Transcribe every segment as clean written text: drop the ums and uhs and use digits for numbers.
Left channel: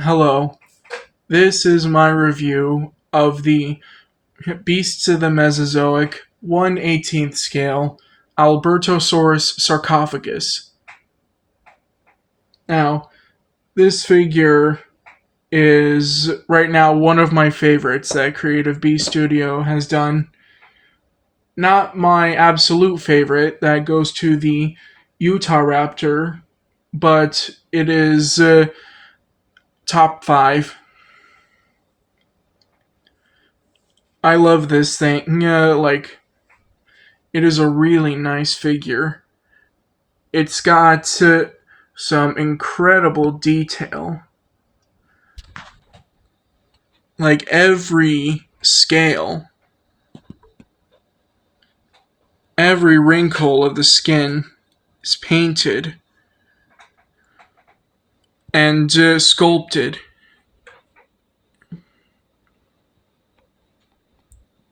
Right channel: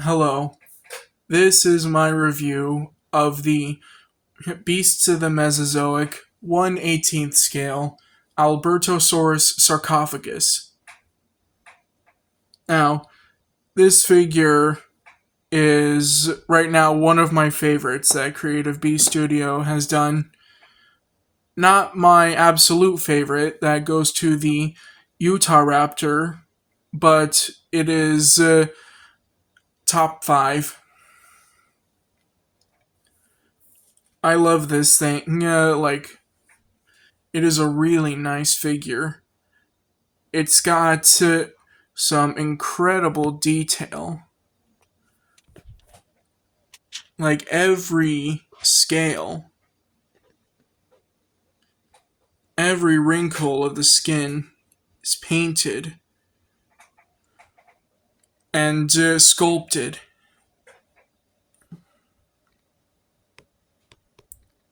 Hello, this is my review of the Beasts of the Mesozoic 1/18th scale Albertosaurus sarcophagus. Now, this figure is right now one of my favorites that Creative Beast Studio has done. Not my absolute favorite, that goes to the Utah Raptor, but it is top 5. I love this thing. It is a really nice figure. It's got some incredible detail. Like every scale, every wrinkle of the skin is painted and sculpted.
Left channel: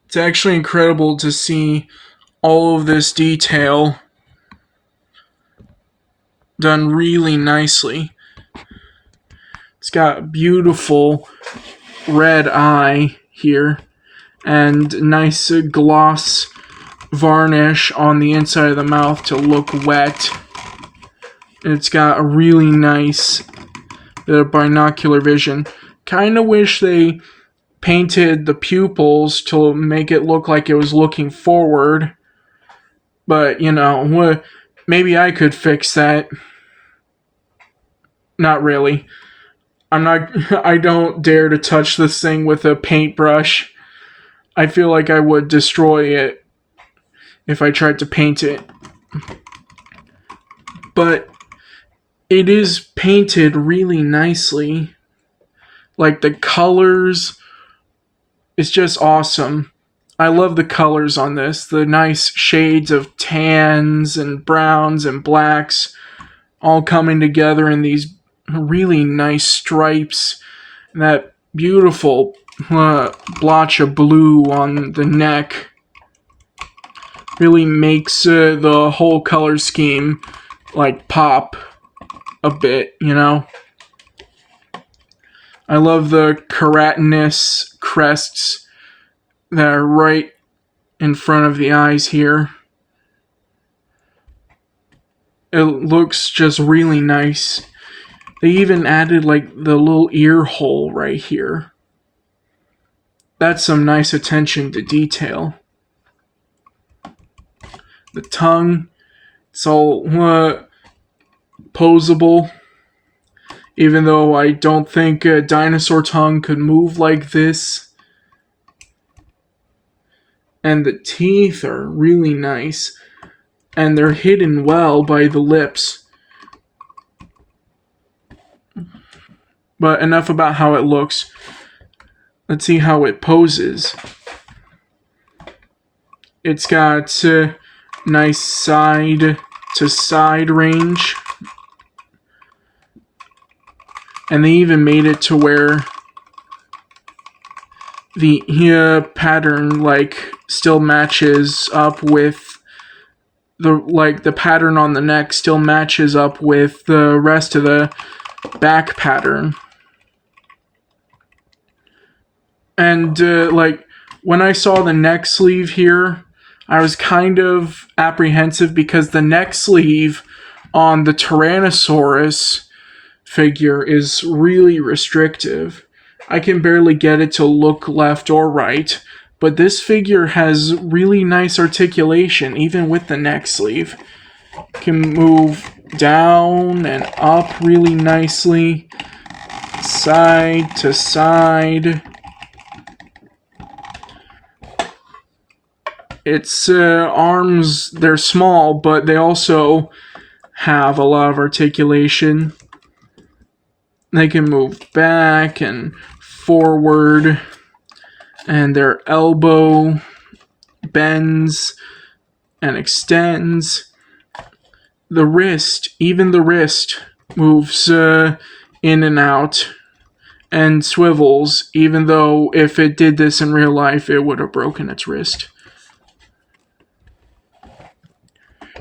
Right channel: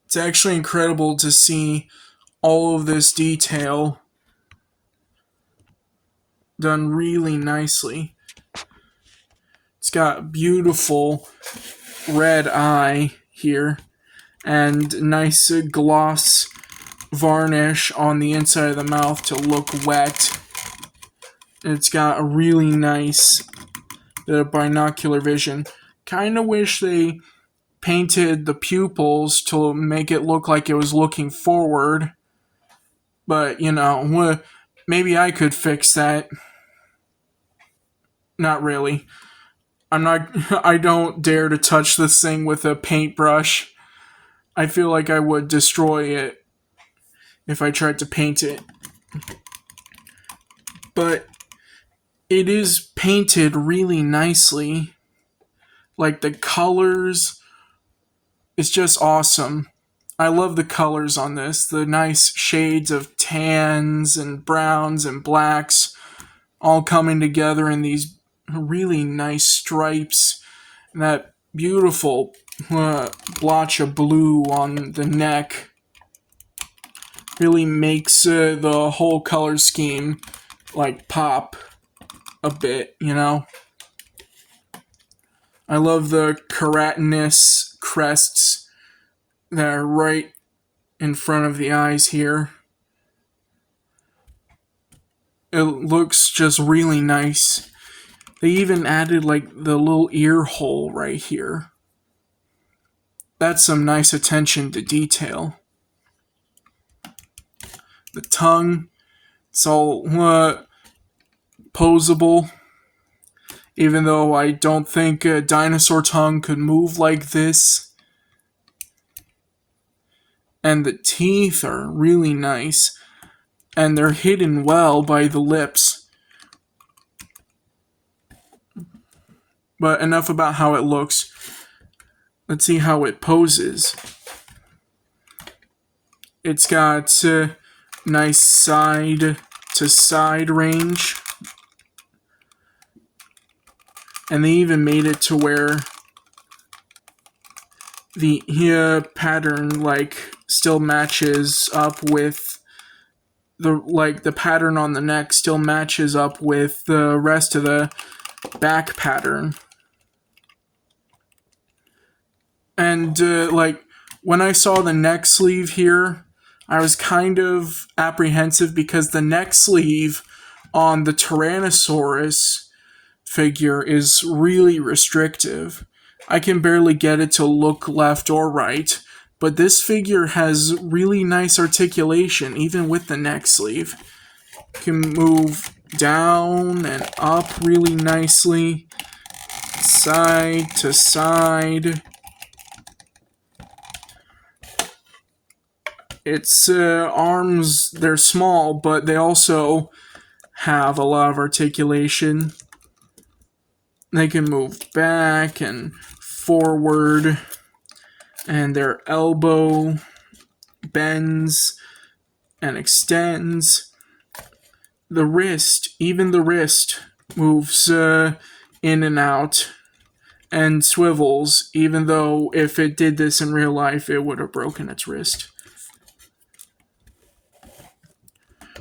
It's actually incredible to see all of this detail done really nicely. It's got beautiful red eye here and nice gloss varnish on the inside of the mouth to look wet. It's got a really nice bit of binocular vision. Kind of wish they painted the pupils to make it look like it was looking forward. But, maybe I could fix that. Not really. I don't dare to touch this thing with a paintbrush. I feel like I would destroy it if I tried to paint it. But it is painted really nicely. Like the colors, it's just awesome. I love the colors on this. The nice shades of tans and browns and blacks all coming together in these really nice stripes. And that beautiful blotch of blue on the neck really makes the whole color scheme pop a bit, I love the keratinous crests that are right in front of the eyes here. It looks just really nice. They even added the little ear hole right here. That's some nice attention to detail. The tongue, it's all posable. Even though I don't think a dinosaur tongue could move like this. And the teeth are really nice. And they're hidden well by the lips. But enough about how it looks. Let's see how it poses. It's got nice side to side range. And they even made it to where the pattern still matches up with the pattern on the neck still matches up with the rest of the back pattern. And when I saw the neck sleeve here, I was kind of apprehensive because the neck sleeve on the Tyrannosaurus figure is really restrictive. I can barely get it to look left or right, but this figure has really nice articulation even with the neck sleeve. Can move down and up really nicely, side to side. Its arms, they're small, but they also have a lot of articulation. They can move back and forward, and their elbow bends and extends. The wrist, even the wrist, moves in and out and swivels, even though if it did this in real life, it would have broken its wrist.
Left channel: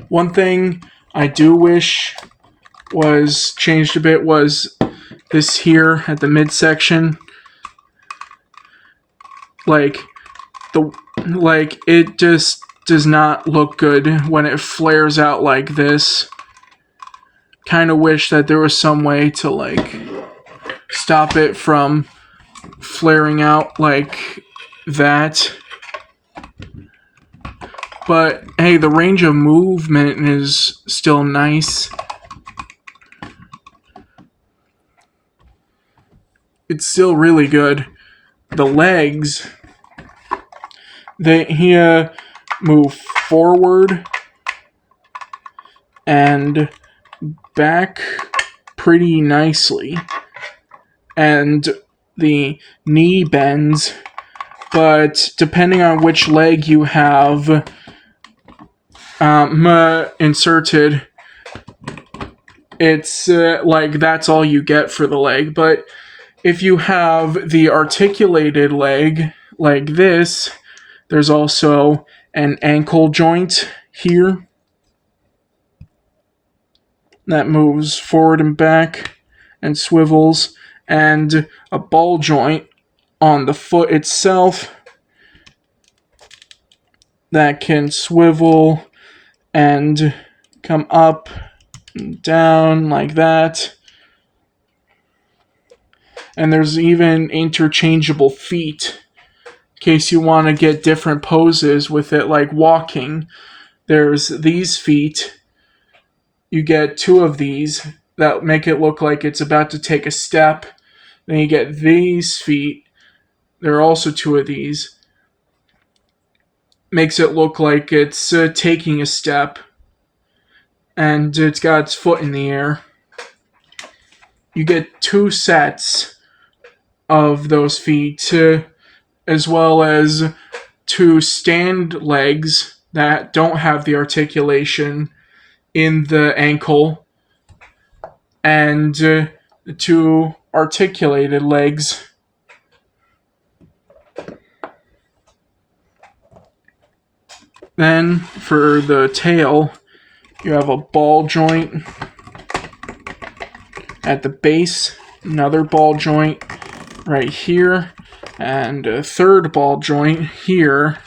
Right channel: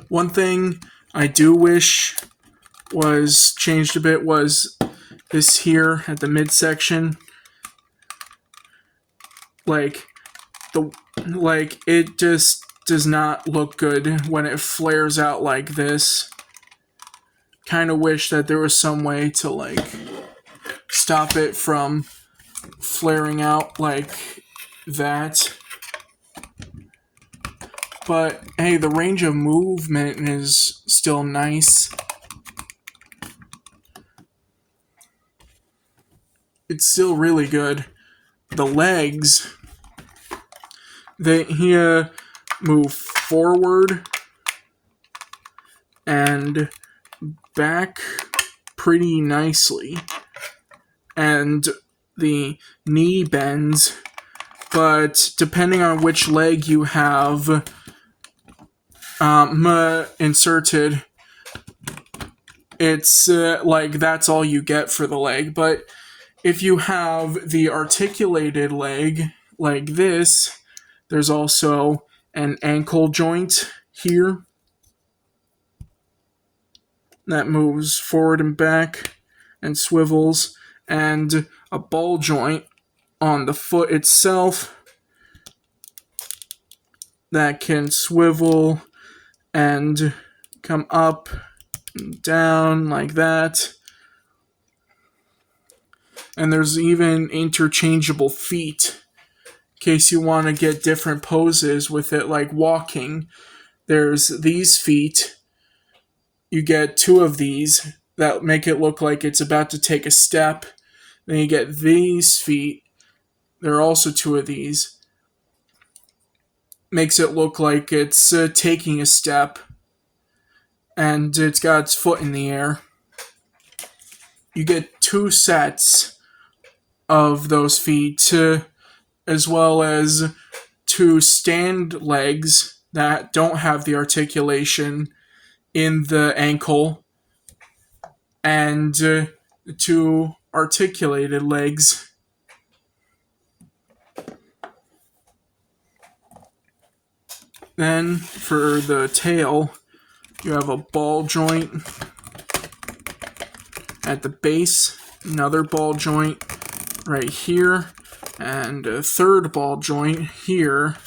One thing I do wish was changed a bit was this here at the midsection, like it just does not look good when it flares out like this. Kind of wish that there was some way to like stop it from flaring out like that. But hey, the range of movement is still nice. It's still really good. The legs, he move forward and back pretty nicely. And the knee bends, but depending on which leg you have inserted, it's like that's all you get for the leg. But if you have the articulated leg like this, there's also an ankle joint here that moves forward and back and swivels, and a ball joint on the foot itself that can swivel and come up and down like that. And there's even interchangeable feet in case you want to get different poses with it, like walking. There's these feet. You get two of these that make it look like it's about to take a step. Then you get these feet. There are also two of these. Makes it look like it's taking a step. And it's got its foot in the air. You get two sets of those feet, as well as two stand legs that don't have the articulation in the ankle, and the two articulated legs. Then for the tail, you have a ball joint at the base, another ball joint right here, and a third ball joint here.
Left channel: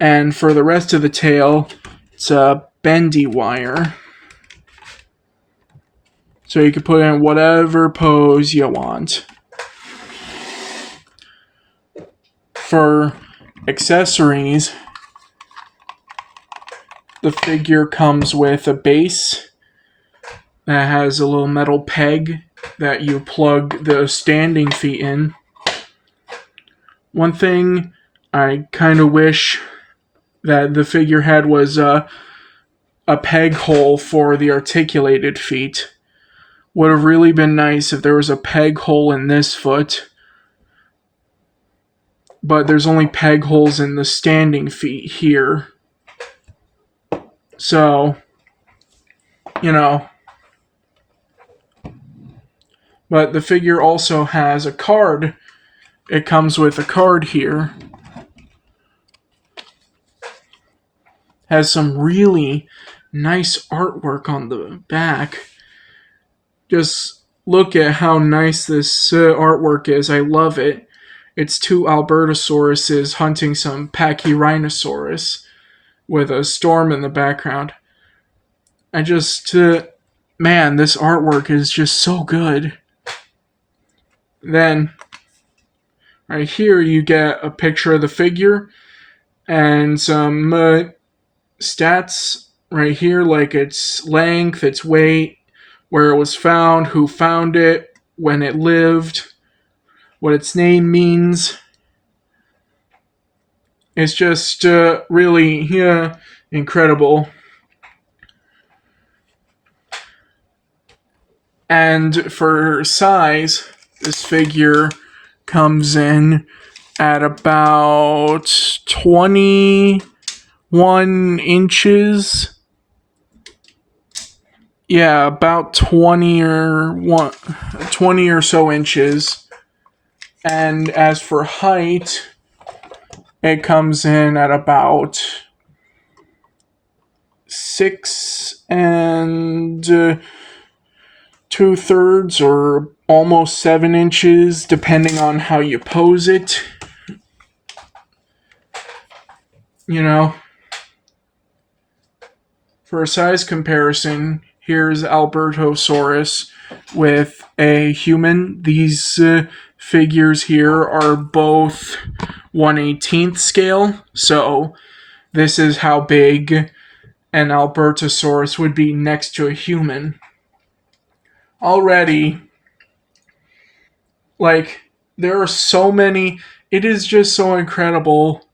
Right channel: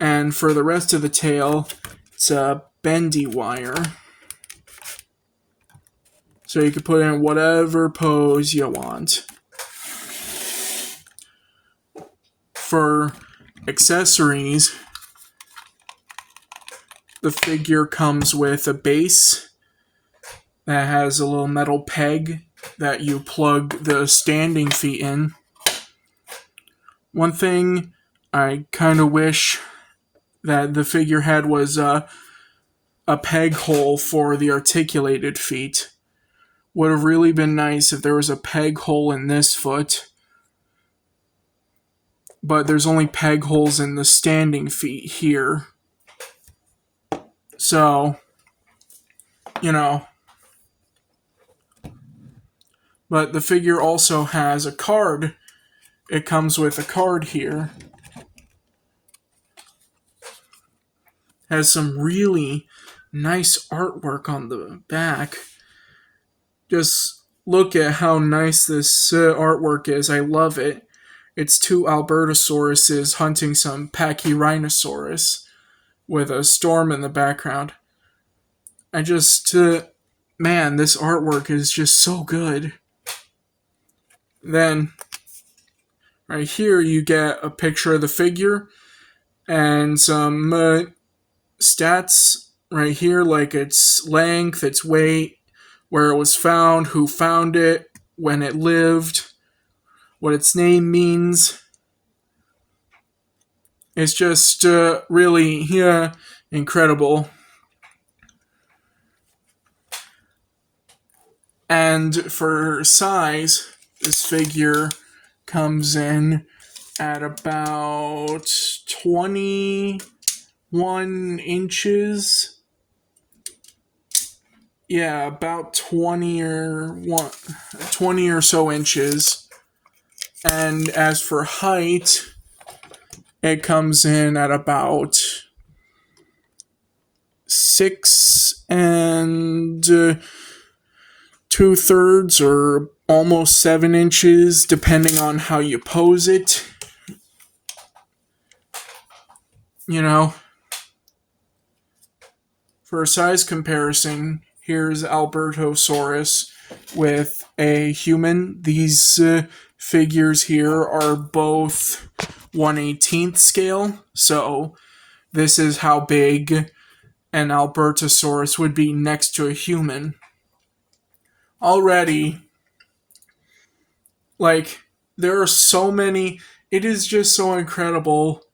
And for the rest of the tail, it's a bendy wire. So you can put in whatever pose you want. For accessories, the figure comes with a base that has a little metal peg that you plug the standing feet in. One thing I kind of wish that the figure had was a peg hole for the articulated feet. Would have really been nice if there was a peg hole in this foot. But there's only peg holes in the standing feet here. So, But the figure also has a card. It comes with a card here. Has some really nice artwork on the back. Just look at how nice this artwork is. I love it. It's two Albertosauruses hunting some Pachyrhinosaurus with a storm in the background. This artwork is just so good. Then, right here, you get a picture of the figure and some stats right here, like its length, its weight, where it was found, who found it, when it lived, what its name means. It's just really incredible. And for size, this figure comes in at about 21 inches. Yeah, about 20 or so inches. And as for height, it comes in at about 6 and 2/3 or almost 7 inches, depending on how you pose it. You know, for a size comparison, here's Albertosaurus with a human. These figures here are both 1/18 scale, so this is how big an Albertosaurus would be next to a human. Already, like, there are so many, it is just so incredible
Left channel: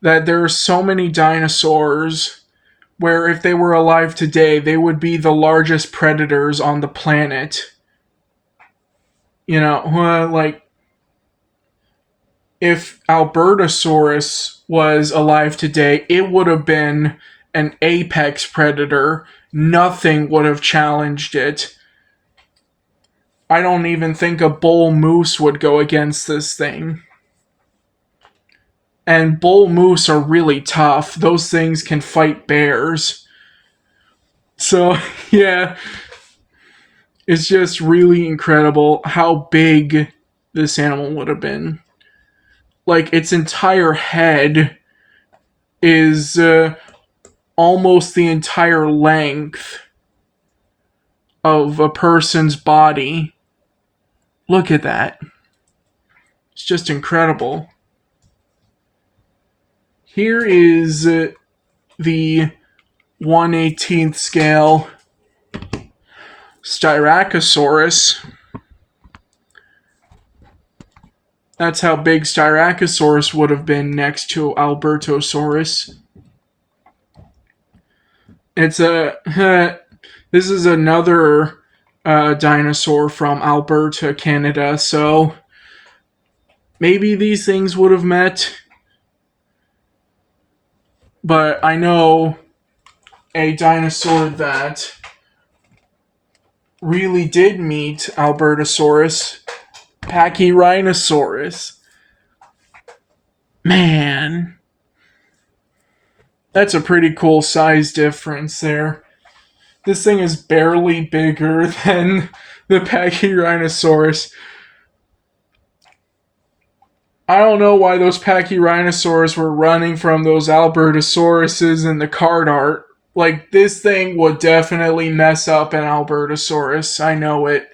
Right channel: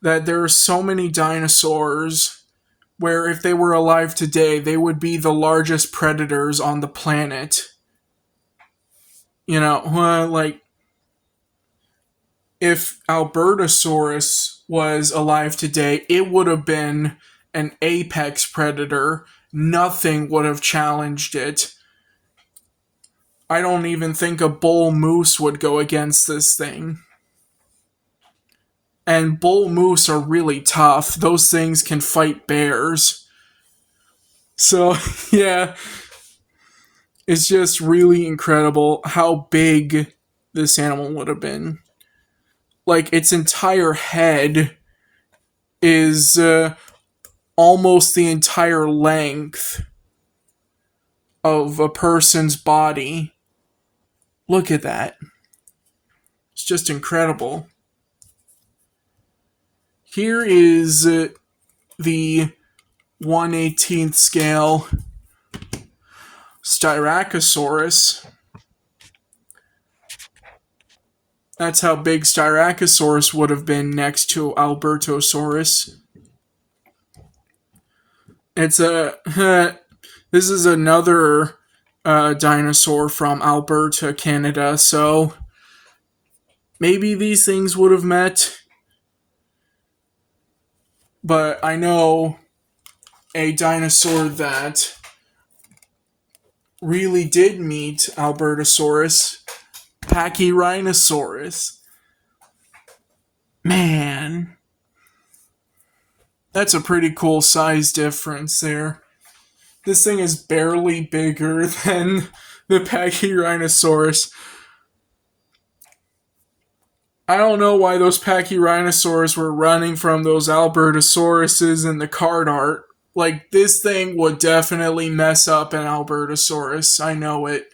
that there are so many dinosaurs where if they were alive today, they would be the largest predators on the planet. You know, like, if Albertosaurus was alive today, it would have been an apex predator. Nothing would have challenged it. I don't even think a bull moose would go against this thing. And bull moose are really tough. Those things can fight bears. So, yeah, it's just really incredible how big this animal would have been. Like, its entire head is almost the entire length of a person's body. Look at that. It's just incredible. Here is the 1/18 scale Styracosaurus. That's how big Styracosaurus would have been next to Albertosaurus. It's a this is another dinosaur from Alberta, Canada. So maybe these things would have met. But I know a dinosaur that really did meet Albertosaurus, Pachyrhinosaurus. Man, that's a pretty cool size difference there. This thing is barely bigger than the Pachyrhinosaurus. I don't know why those Pachyrhinosaurs were running from those Albertosauruses in the card art. Like, this thing would definitely mess up an Albertosaurus. I know it.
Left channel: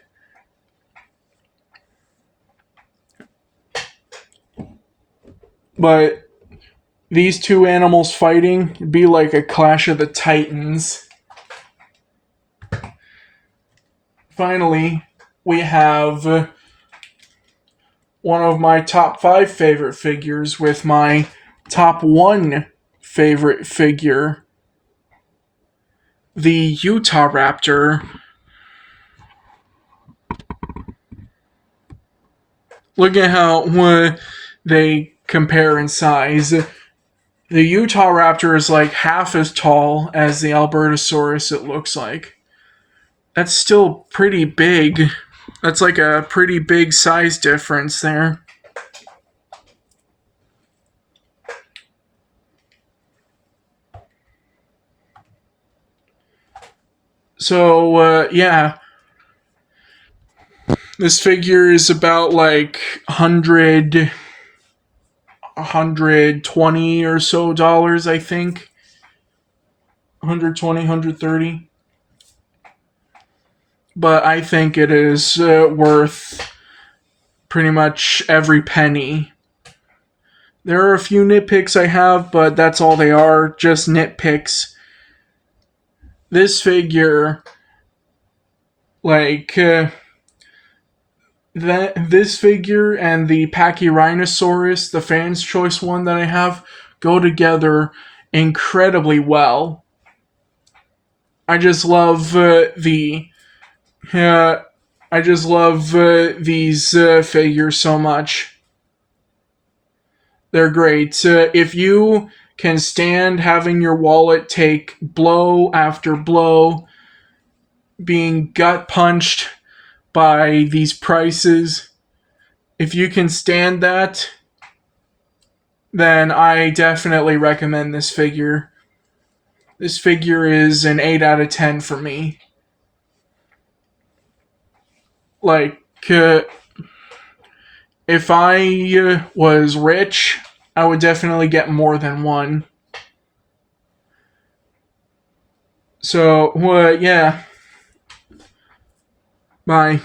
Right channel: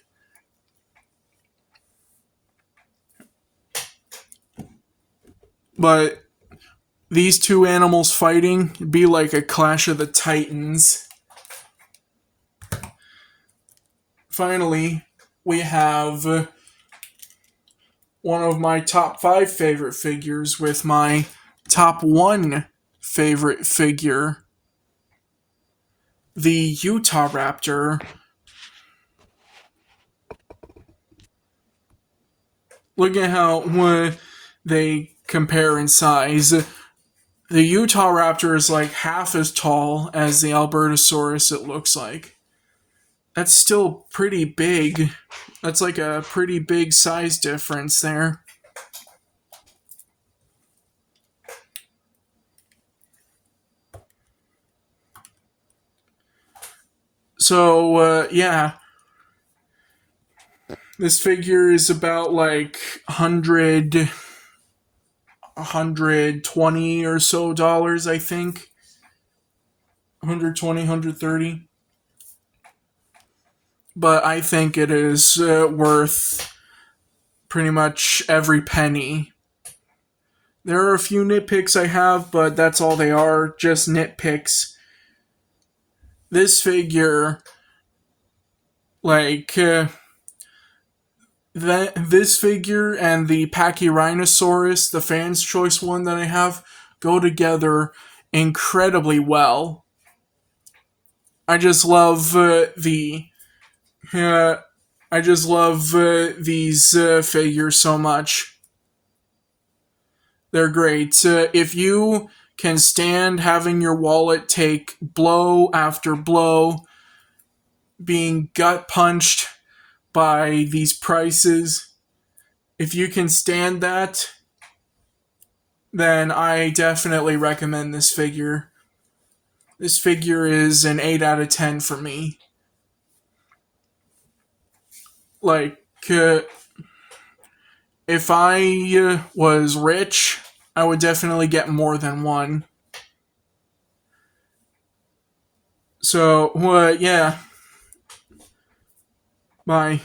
But these two animals fighting would be like a clash of the titans. Finally, we have one of my top 5 favorite figures with my top 1 favorite figure, the Utahraptor. Look at how they compare in size. The Utahraptor is like half as tall as the Albertosaurus, it looks like. That's still pretty big. That's like a pretty big size difference there. So, yeah. This figure is about like 120 or so dollars, I think. 120, 130. But I think it is worth pretty much every penny. There are a few nitpicks I have, but that's all they are, just nitpicks. This figure, like, this figure and the Pachyrhinosaurus, the Fan's Choice one that I have, go together incredibly well. I just love these figures so much. They're great. If you can stand having your wallet take blow after blow, being gut punched by these prices, if you can stand that, then I definitely recommend this figure. This figure is an 8 out of 10 for me. Like, if I was rich, I would definitely get more than one. So, yeah. Bye.